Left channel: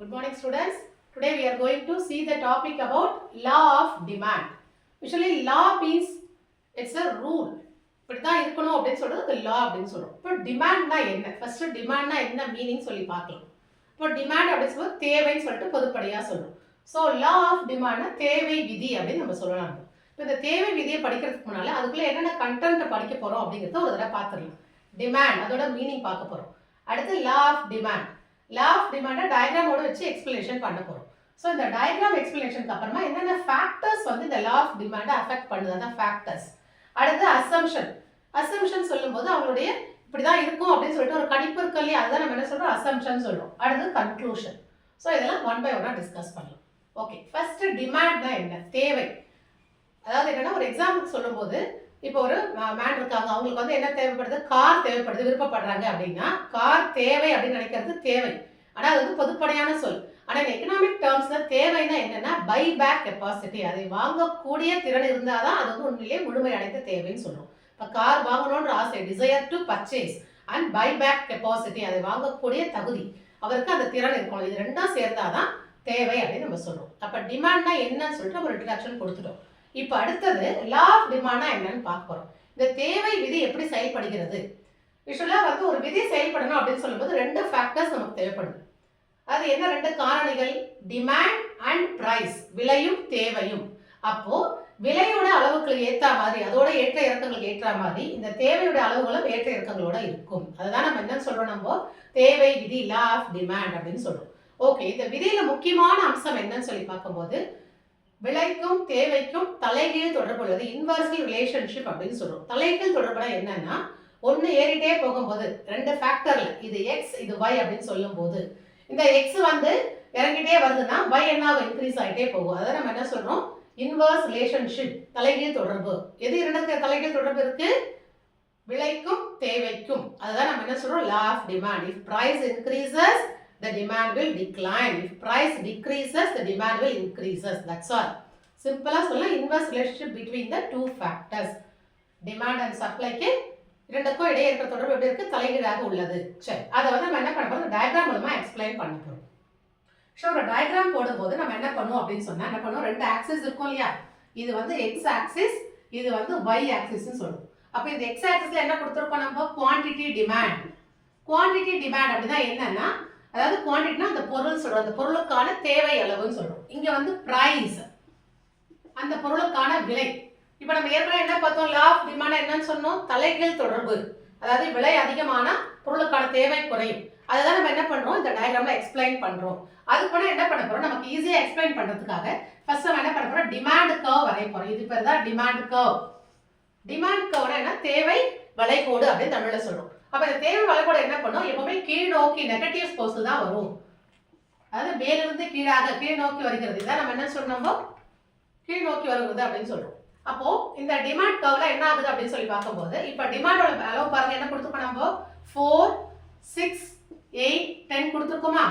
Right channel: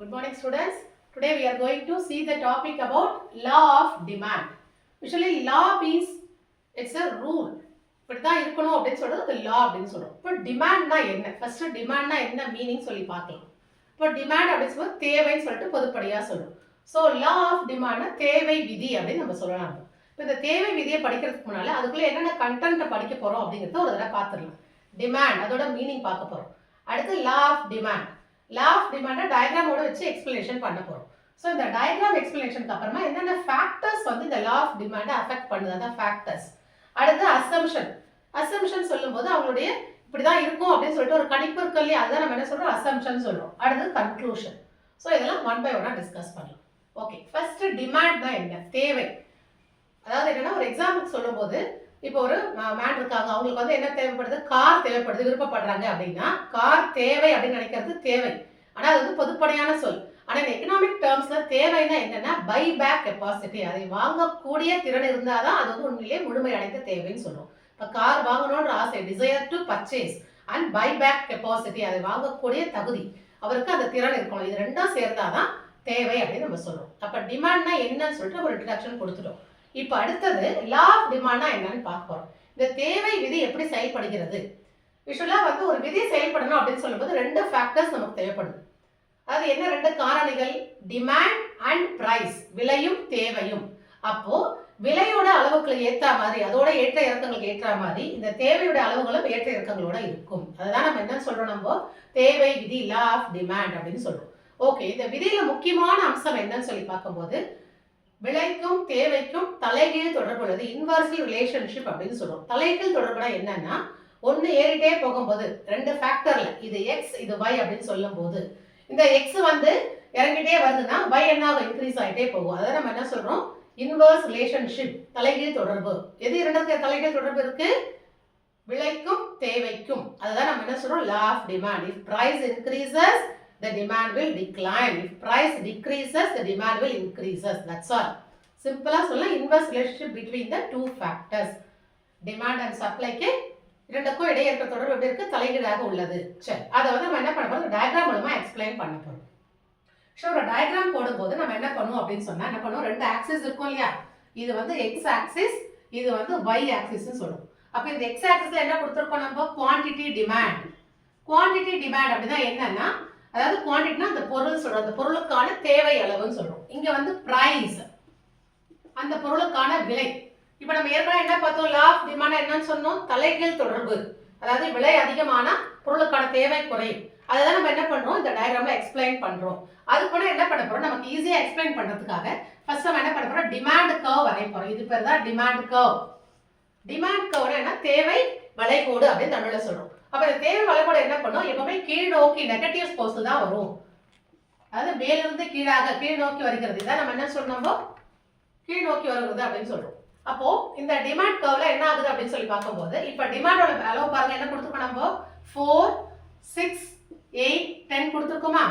Good morning, students. Today we are going to see the topic about law of demand. Usually law means it's a rule. இப்படிதான் இருக்கணும் அப்படின்னு சொல்றது law அப்படின்னு சொல்றோம். இப்போ டிமாண்ட்னா என்ன? ஃபர்ஸ்ட் டிமாண்ட்னா என்ன மீனிங் சொல்லி பார்க்கலாம். இப்போ டிமாண்ட் அப்படின்னு சொல்றது தேவைன்னு சொல்லிட்டு பொதுப்படையா சொல்றோம். ஸோ லா ஆஃப் டிமாண்ட்னா தேவை விதி அப்படின்னு நம்ம சொல்லலாம். இப்போ இந்த தேவை விதியை படிக்கிறதுக்கு முன்னால அதுக்குள்ள என்னென்ன கண்டென்ட் படிக்க போறோம் அப்படிங்கிறத ஒரு தடவை பார்த்துடலாம். டிமாண்ட் அதோட மீனிங் பார்க்க போறோம். அடுத்து law of demand. Law of டிமாண்டை டயக்ராமோட வச்சு எக்ஸ்பிளனேஷன் பண்ண போறோம். ஸோ இந்த டயக்ராம் எக்ஸ்பிளனேஷனுக்கு அப்புறமா என்னென்ன ஃபேக்டர்ஸ் வந்து இந்த லா ஆஃப் டிமாண்டை அஃபெக்ட் பண்ணுது, அதான் ஃபேக்டர்ஸ். அடுத்து அசம்ஷன். அசம்ஷன் சொல்லும்போது அவங்களுடைய இப்படிதான் இருக்கும் அப்படின்னு சொல்லிட்டு ஒரு கணிப்பு இருக்கு இல்லையா, அதுதான் நம்ம என்ன சொல்றோம், அசம்ஷன் சொல்றோம். அடுத்து கன்க்ளூஷன். ஸோ இதெல்லாம் ஒன் பை ஒன்னா டிஸ்கஸ் பண்ணலாம். ஓகே, ஃபர்ஸ்ட் டிமாண்ட் தான் என்ன, தேவை. அதாவது என்னன்னா ஒரு எக்ஸாம்பிள் சொல்லும்போது இப்போ ஒரு மேன் இருக்காங்க, அவங்களுக்கு வந்து என்ன தேவைப்படுது, கார் தேவைப்படுது, விருப்பப்படுறாங்க அப்படின்னா கார் தேவை அப்படின்னு நினைக்கிறது தேவை. ஆனால் அது வந்து பொதுப்படையான சொல். ஆனால் இந்த எக்கனாமிக் டேர்ம்ஸ்ல தேவைன்னா என்னன்னா பை பேக் கெப்பாசிட்டி, அதை வாங்கக்கூடிய திறன் இருந்தால் தான் அது வந்து உண்மையிலேயே முழுமை அடைந்த தேவைன்னு சொல்றோம். இப்போ கார் வாங்கணுன்ற ஆசை, desire to purchase, and buy back capacity, அதை வாங்கக்கூடிய தகுதி, அவருக்கு அந்த திறன் இருக்கணும். இது ரெண்டும் சேர்ந்தாதான் தேவை அப்படின்னு நம்ம சொல்றோம். அப்போ டிமாண்ட்னா என்னன்னு சொல்லிட்டு ஒரு இன்ட்ரடக்ஷன் கொடுத்துட்டோம். இப்போ அடுத்தது லா ஆஃப் டிமாண்ட்னா என்னன்னு பார்க்க போறோம். இந்த தேவை விதி எப்படி செயல்படுகிறது? யூஸ்வலா வந்து ஒரு விதி செயல்படணும் அப்படின்னு சொல்லும்போது ரெண்டு ஃபேக்டர்ஸ் நமக்கு தேவைப்படுது. அது என்ன ரெண்டு காரணிகள், டிமாண்ட் அண்ட் பிரைஸ், விலையும் தேவையும். அப்போ விலையோட அளவுக்கு ஏற்ற மாதிரி, அதோட ஏற்ற இறக்கங்களுக்கு ஏற்ற மாதிரி இந்த தேவையோட அளவுகளும் ஏற்ற இறக்கங்களோட இருக்கும். அதுதான் நம்ம என்ன சொல்றோம், நம்ம தேவை விதி, லா ஆஃப் டிமாண்ட் அப்படின்னு சொல்றோம். ஓகே, இந்த விதியில முக்கியமான அம்சம் என்னன்னு சொல்லி பார்க்கும்போது விலைக்கும் தேவைக்கும் தலைகீழ் தொடர்பு உள்ளது, இன்வர்சல் ரிலேஷன்ஷிப் அப்படின்னு சொல்றோம். தலைகீழ் தொடர்புனா என்னன்னா ஒன்னு ஏறிட்டே போகும்போது ரெண்டு ஃபேக்டர்ல இது எக்ஸ் இது y அப்படின்னு சொல்லும் போது இந்த எக்ஸ் வந்து இறங்கிட்டே வருதுன்னா y என்ன இன்க்ரீஸ் ஆகிட்டே போகும். அதை நம்ம என்ன சொல்றோம், இன்வர்ஸ் ரிலேஷன்ஷிப், தலைகீழ் தொடர்பு. எது இரண்டுக்கு தலைகீழ் தொடர்பு இருக்கு, விலைக்கும் தேவைக்கும். அதுதான் நம்ம என்ன சொல்றோம், law of demand. If price increases the demand will decline, if price decreases the demand will increases. That's all. Simple ah solla inverse relationship between the two factors, demand and supply க்கு இரண்டுக்கும் இடையே இருக்கிற தொடர்பு எப்படி இருக்கு, தலைகீழாக உள்ளது. சரி, அதை வந்து நம்ம என்ன பண்ண போறோம், டயக்ராம் மூலமா எக்ஸ்பிளைன் பண்ண போறோம். ஸோ ஒரு டயக்ராம் போடும்போது நம்ம என்ன பண்ணுவோம் அப்படின்னு சொன்னா என்ன பண்ணுவோம், ரெண்டு ஆக்சிஸ் இருக்கும் இல்லையா, இது வந்து எக்ஸ் ஆக்சிஸ், இது வந்து y ஆக்சிஸ்னு சொல்லுவோம். அப்போ இந்த எக்ஸ் ஆக்சிஸ்ல என்ன கொடுத்துருக்கோம் நம்ம, குவான்டிட்டி டிமாண்ட். குவான்டிட்டி டிமாண்ட் அப்படின்னா என்னன்னா, அதாவது குவான்டிட்டினா அந்த பொருள் சொல்றோம், அந்த பொருளுக்கான தேவை அளவுன்னு சொல்றோம். இங்க வந்து பிரைஸ், அந்த பொருளுக்கான விலை. இப்போ நம்ம ஏற்கனவே என்ன பார்த்தோம், லா ஆஃப் டிமாண்ட் என்னன்னு சொன்னோம், தலைகீழ் தொடர்பு. அதாவது விலை அதிகமான பொருளுக்கான தேவை குறையும். அதுதான் நம்ம என்ன பண்றோம், இந்த டயக்ராம்ல எக்ஸ்பிளைன் பண்றோம். அதுக்கு கூட என்ன பண்ண போறோம், நமக்கு ஈஸியா எக்ஸ்பிளைன் பண்றதுக்காக ஃபர்ஸ்ட் நம்ம என்ன பண்ண போறோம், டிமாண்ட் கர்வ் வரைய போறோம். இது பேர் தான் டிமாண்ட் கர்வ். டிமாண்ட் கர்வ்னா என்ன, தேவை வளைகோடு அப்படின்னு தமிழ்ல சொல்றோம். அப்ப இந்த தேவை வளைகோடு என்ன பண்ணும், எப்பவுமே கீழ் நோக்கி நெகட்டிவ் போஸ்ட் தான் வரும். அதாவது மேலிருந்து கீழாக கீழ் நோக்கி வருகிறது. இதான் நம்ம என்ன சொல்றோம், கீழ் நோக்கி வருகிறது அப்படின்னு சொல்றோம். அப்போ இந்த டிமாண்ட் கர்வ்ல என்ன ஆகுது அப்படின்னு சொல்லி பார்க்கும்போது இப்ப டிமாண்டோட அளவு பாருங்க, என்ன கொடுத்துருக்கோம் நம்ம, 4 6 8 10 கொடுத்துருக்கோமா.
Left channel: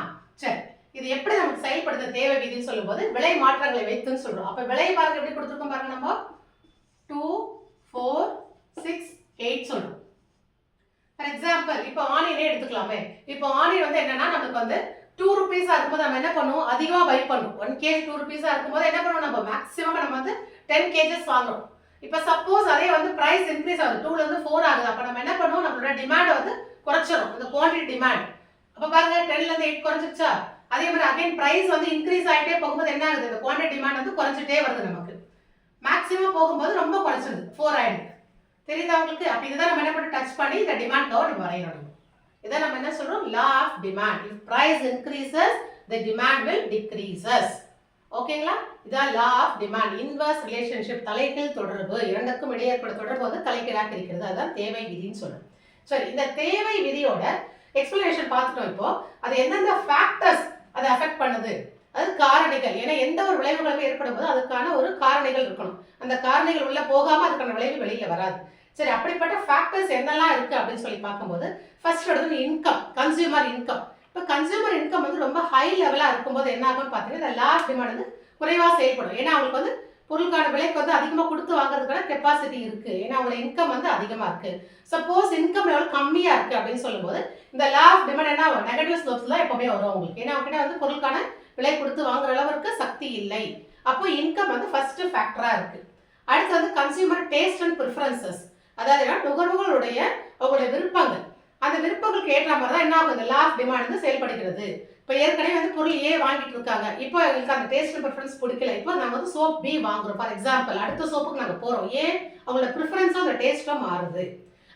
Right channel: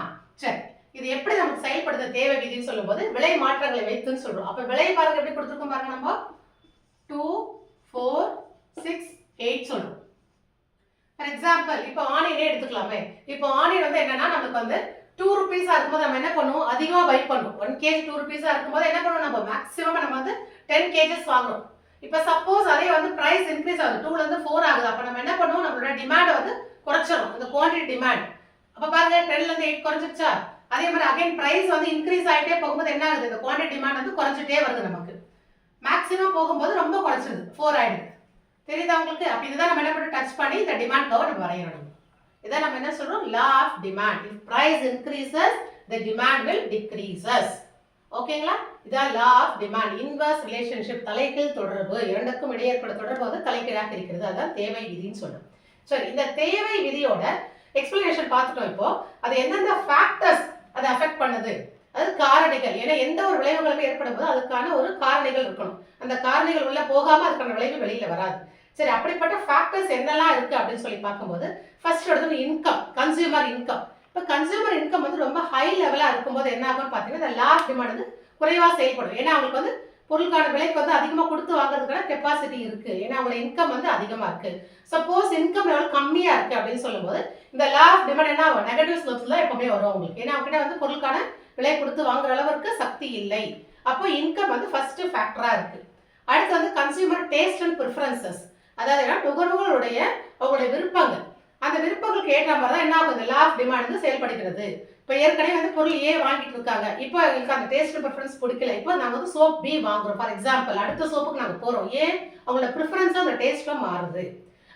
சரி, இது எப்படி நமக்கு செயல்படுத்த தேவை விதின்னு சொல்லும்போது விலை மாற்றங்களை வைத்துன்னு சொல்றோம். அப்ப விலை பாருங்க எப்படி கொடுத்துருக்கோம் பாருங்க, நம்ம 2 4 6 8 சொல்றோம். ஃபார் எக்ஸாம்பிள் இப்போ ஆனியனே எடுத்துக்கலாமே. இப்போ ஆனியன் வந்து என்னன்னா நமக்கு வந்து 2 ரூபீஸா இருக்கும்போது நம்ம என்ன பண்ணுவோம், அதிகமா பை பண்ணுவோம். 1 kg 2 ரூபீஸா இருக்கும்போது என்ன பண்ணுவோம், நம்ம மேக்ஸிமம் நம்ம வந்து 10 kgs வாங்குறோம். இப்போ சப்போஸ் அதே வந்து பிரைஸ் இன்க்ரீஸ் ஆகுது, 2ல இருந்து 4 ஆகுது, அப்ப நம்ம என்ன பண்ணுவோம், நம்மளோட டிமாண்ட் வந்து குறைச்சிரும், அந்த குவான்டிட்டி டிமாண்ட். அப்ப பாருங்க 10ல இருந்து 8 குறைஞ்சிருச்சா. அதே மாதிரி அகைன் பிரைஸ் வந்து இன்க்ரீஸ் ஆகிட்டே போகும்போது என்ன ஆகுது, இந்த குவான்டிட்டி டிமாண்ட் வந்து குறைஞ்சிட்டே வருது. நமக்கு மேக்ஸிமம் போகும்போது ரொம்ப குறைச்சிருது, 4 ஆயிடுது. தெரியுதா உங்களுக்கு? அப்ப இதுதான் நம்ம என்ன பண்ணி டச் பண்ணி இந்த டிமாண்ட் கர்வ் நம்ம வரையணும். இதான் நம்ம என்ன சொல்றோம், law of demand. If price increases the demand will decreases. ஓகேங்களா? இதான் law of demand. Inverse relationship, தலைகீழ் தொடர்பு, இரண்டுக்கும் இடையே ஏற்படும் தொடர்பு வந்து தலைகீழாக இருக்கிறது. அதான் தேவை விதின்னு சொல்றோம். சரி, இந்த தேவை விதியோட எக்ஸ்பிளனேஷன் பார்த்துட்டோம். இப்போ அது எந்தெந்த ஃபேக்டர்ஸ் அதை அஃபெக்ட் பண்ணுது, அது காரணிகள். ஏன்னா எந்த ஒரு விளைவுகளும் ஏற்படும் போது அதுக்கான ஒரு காரணிகள் இருக்கணும். அந்த காரணிகள் உள்ள போகாம அதுக்கான விளைவு வெளியில வராது. சரி, அப்படிப்பட்ட ஃபேக்டர்ஸ் என்னெல்லாம் இருக்கு அப்படின்னு சொல்லி பார்க்கும்போது ஃபர்ஸ்ட் எடுத்து இன்கம், கன்சியூமர் இன்கம். இப்போ கன்சியூமர் இன்கம் வந்து ரொம்ப ஹை லெவலா இருக்கும்போது என்ன ஆகும்னு பார்த்தீங்கன்னா இந்த லா ஆஃப் டிமாண்ட் வந்து குறைவா செயல்படும். ஏன்னா அவங்களுக்கு வந்து பொருளுக்கான விலைக்கு வந்து அதிகமாக கொடுத்து வாங்குறதுக்கான கெப்பாசிட்டி இருக்கு. ஏன்னா அவங்களோட இன்கம் வந்து அதிகமாக இருக்கு. சப்போஸ் இன்கம் லெவல் கம்மியாக இருக்கு அப்படின்னு சொல்லும்போது இந்த லா ஆஃப் டிமாண்ட் என்ன ஆகும், நெகட்டிவ் ஸ்லோப்ஸ் தான் எப்பவுமே வரும் உங்களுக்கு. ஏன்னா அவங்க கிட்ட வந்து பொருளுக்கான விலை கொடுத்து வாங்குற அளவுக்கு சக்தி இல்லை. அப்போ இன்கம் வந்து ஃபர்ஸ்ட் ஃபேக்டரா இருக்கு. அடுத்து வந்து கன்சியூமர் டேஸ்ட் அண்ட் ப்ரிஃபரன்சஸ், அதாவது நுகர்வோர்களுடைய அவங்களுடைய விருப்பங்கள், அந்த விருப்பங்களுக்கு ஏற்ற மாதிரி தான் என்ன ஆகும் இந்த லா ஆஃப் டிமாண்ட் வந்து செயல்படுகிறது. இப்போ ஏற்கனவே வந்து பொருள் ஏ வாங்கிட்டு இருக்காங்க, இப்போ எங்களுக்கு அந்த டேஸ்ட் ப்ரிஃபரன்ஸ் பிடிக்கல, இப்போ நாங்கள் வந்து சோப் பி வாங்குறோம் ஃபார் எக்ஸாம்பிள், அடுத்த சோப்புக்கு நாங்கள் போகிறோம். ஏன் அவங்களோட ப்ரிஃபரன்ஸும் அந்த டேஸ்ட்டும் மாறுது.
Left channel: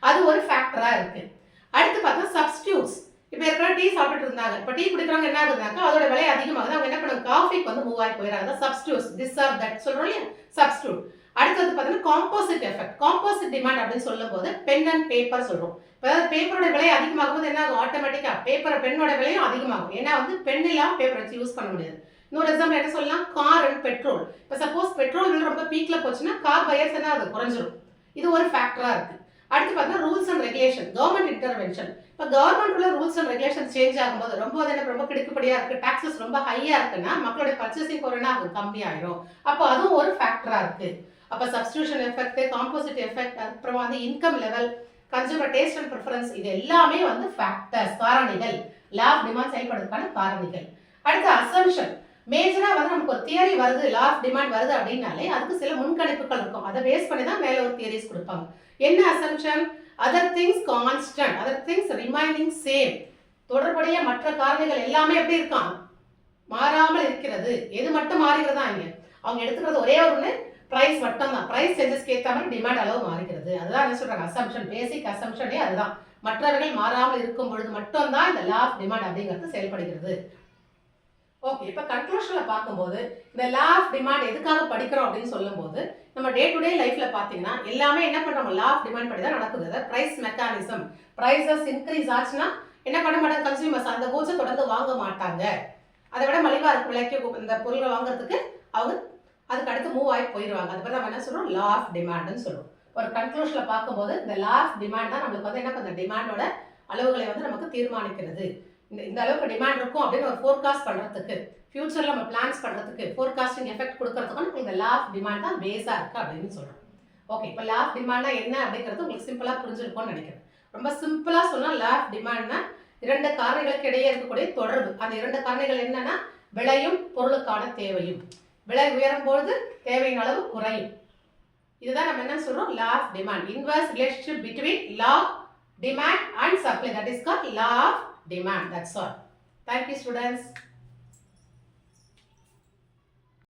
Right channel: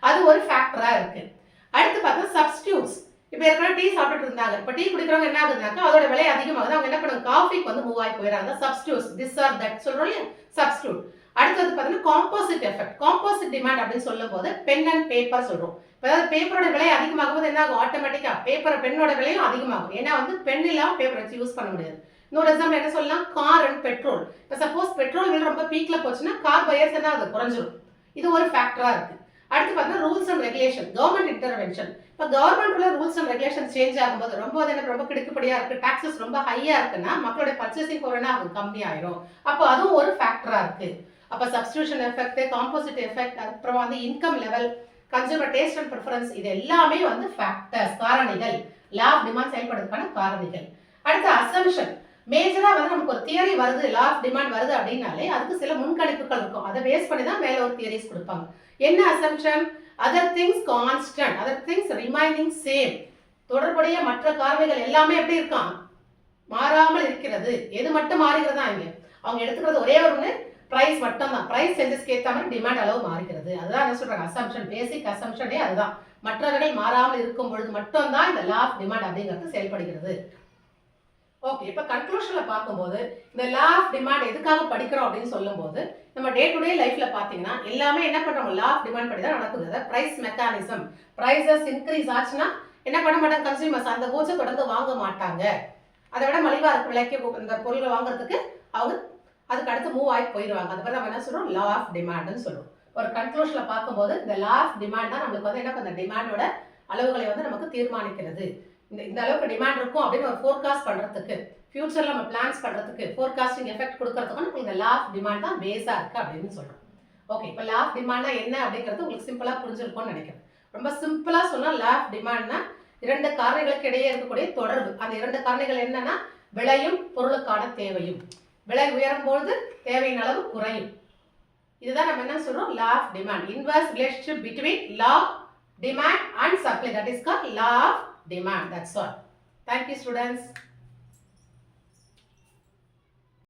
அது ஒரு ஃபேக்டராக இருக்குது. அடுத்து பார்த்தா சப்ஸ்டியூட்ஸ். இப்போ ஏற்கனவே டீ சாப்பிட்டு இருந்தாங்க, இப்போ டீ குடிக்கிறவங்க என்ன ஆகுதுனாக்கா அதோட விலை அதிகமாகுது, அவங்க என்ன பண்ணுவாங்க காஃபிக்கு வந்து மூவ் ஆகி போயிடறாங்க. சப்ஸ்டியூட்ஸ், திஸ் ஆர் தட் சொல்கிறோம் இல்லையா, சப்ஸ்டியூட். அடுத்தது பார்த்தீங்கன்னா காம்போசிட் எஃபெக்ட். காம்போசிட் டிமாண்ட் அப்படின்னு சொல்லும் போது பென் அண்ட் பேப்பர் சொல்கிறோம். இப்போ அதாவது பேப்பரோட விலை அதிகமாகும் போது என்ன ஆகும், ஆட்டோமேட்டிக்காக பெண்ணோட விலையும் அதிகமாகும். ஏன்னா வந்து பென் இல்லாமல் பேப்பர் வச்சு யூஸ் பண்ண முடியாது. இன்னொரு எக்ஸாம்பிள் என்ன சொல்லலாம், கார் அண்ட் பெட்ரோல். இப்போ சப்போஸ் பெட்ரோல் விலை ரொம்ப பீக்கில் போச்சுன்னா கார் பையர்ஸ் என்ன அது குறைஞ்சிரும். இது ஒரு ஃபேக்டராக இருக்குது. அடுத்து பார்த்தீங்கன்னா rules and regulation, government intervention. இப்போ கவர்மெண்ட் உள்ள ரூல்ஸ் அண்ட் ரெகுலேஷன் சேஞ்ச் ஆகும்போது ரொம்ப எனக்கு ரொம்ப கிடுக்குப்படியாக இருக்குது, டாக்ஸஸ் ரொம்ப ஹையாக இருக்குன்னா மக்களுடைய பர்ச்சேசிங் பவர் என்ன ஆகும், கம்மியாயிரும். அப்போ அதுவும் ஒரு ஃபேக்டராக இருக்குது. அப்போ சப்ஸ்டியூஷன் எஃபெக்ட், காம்போசிட் எஃபெக்ட், அப்புறம் வந்து income level, consumer taste and preference, இது எல்லாமே வந்து ஃபேக்டர்ஸ், காரணிகள், லா ஆஃப் டிமாண்ட் செயல்படுறதுக்கான காரணிகள். அடுத்து அசம்ஷன். மேஜராக வந்து நமக்கு ஒரு தியரி வருது, லா ஆஃப் டிமாண்ட் வருது அப்படின்னாலே அதுக்கு சில முன்கணிப்புகள் இருக்கும். அதை பேஸ் பண்ணி தான் மேலே ஒரு தியரிஸ் கொடுப்பாங்க. என்ன assumption, other things constant, other things remaining same. தொடர்புடைய மற்ற காரணிகள் எல்லாமே எப்படி இருக்கான், மாறாமல் இருக்கிறது. எது மட்டும் மாறுகிறதா இங்கே அவங்க எடுத்துக்கிறது ஒரே ஒன்று, பிரைஸ் மட்டும் தான். பிரைஸ் சேஞ்சஸ்க்கு ஏற்ற மாதிரி டிமாண்ட் அளவு மாறுகிறது. அதுதான் என்ன சொல்றாங்க, அசம்ஷன். பேசிக் அசம்ஷனே அதுதான். மற்றவர்கள் மாறாமல் இருக்கும் பொழுது மட்டும் தான் இந்த லா ஆஃப் டிமாண்ட் அப்படிங்கிறது செயல்படுகிறது. ஓகே, இப்போ கன்க்ளூஷனில் பார்க்கும்போது இந்த லா ஆஃப் டிமாண்ட் எதுக்காக படிக்கிறோம் அப்படின்னு சொல்லும்போது நம்ம டே டு டே லைஃப்ல பார்த்தீங்கன்னா எல்லாமே என்ன பண்ணுறோம், லா ஆஃப் டிமாண்ட் படி தான் நடக்குது. அதாவது ப்ரைஸ் மெக்கானிசம். ப்ரைஸஸ் இன்க்ரீஸ் ஆச்சுன்னா என்ன பண்ண மாட்டாங்க கன்சியூமர்ஸ், அந்த கூட்ஸை தொடர்ந்து வாங்க மாட்டாங்க. அதை விட மலிவாக இருக்கும் விலைக்கு இந்த பொருள்கள் வாங்குறதுக்கு அவங்க அதுக்கு அடுத்து மூவ் ஆகி போயிடுவாங்க. அது மாதிரி நம்ம என்ன சொல்றோம், லா ஆஃப் டிமாண்ட்னு சொல்லுவோம். ஒரு கன்க்ளூஷனில் பார்க்கும்போது இந்த லா ஆஃப் டிமாண்ட் தான் நம்மளுக்கு வந்து என்ன பண்ணுற டிமாண்டோட அளவுகளை வந்து நமக்கு தீர்மானிக்கிறது. இந்த அளவுக்கு டிமாண்ட் இருக்கும் அப்படின்னு ஒரு ஃபோர்காஸ்ட் பண்ணுறதுக்கு, ஃபியூச்சரில் நம்ம பிளான்ஸ் பண்ணுறதுக்கு, ஃபோர்காஸ்டிங் எஃபெக்ட் கொடுக்கறதுக்கு நமக்கு இந்த லா ஆஃப் டிமாண்ட் தான் பேஸாக இருக்குது அப்படின்னு சொல்கிறோம். ஓகே, இப்போ லா ஆஃப் டிமாண்ட்னா என்ன அப்படிங்கிறது உங்களுக்கு சிம்பிளாக புரிஞ்சிருக்கும்னு நினைக்கிறேன். ரொம்ப சிம்பிளாக சொன்னால் லா ஆஃப் டிமாண்ட்னா இரண்டு காரணிகளுக்கு இடையே இருக்கக்கூடிய தொடர்பு. அந்த இரண்டு காரணிகள் என்னன்னா விலையும் பொருளுக்கான தேவையும். விலை உயரும் பொழுது தேவையின் அளவு குறையும். இதுதான் நம்ம என்ன சொல்றோம், law of demand. Inverse relationship between law, demand and supply, that is called law of demand. That's all. Thank you students.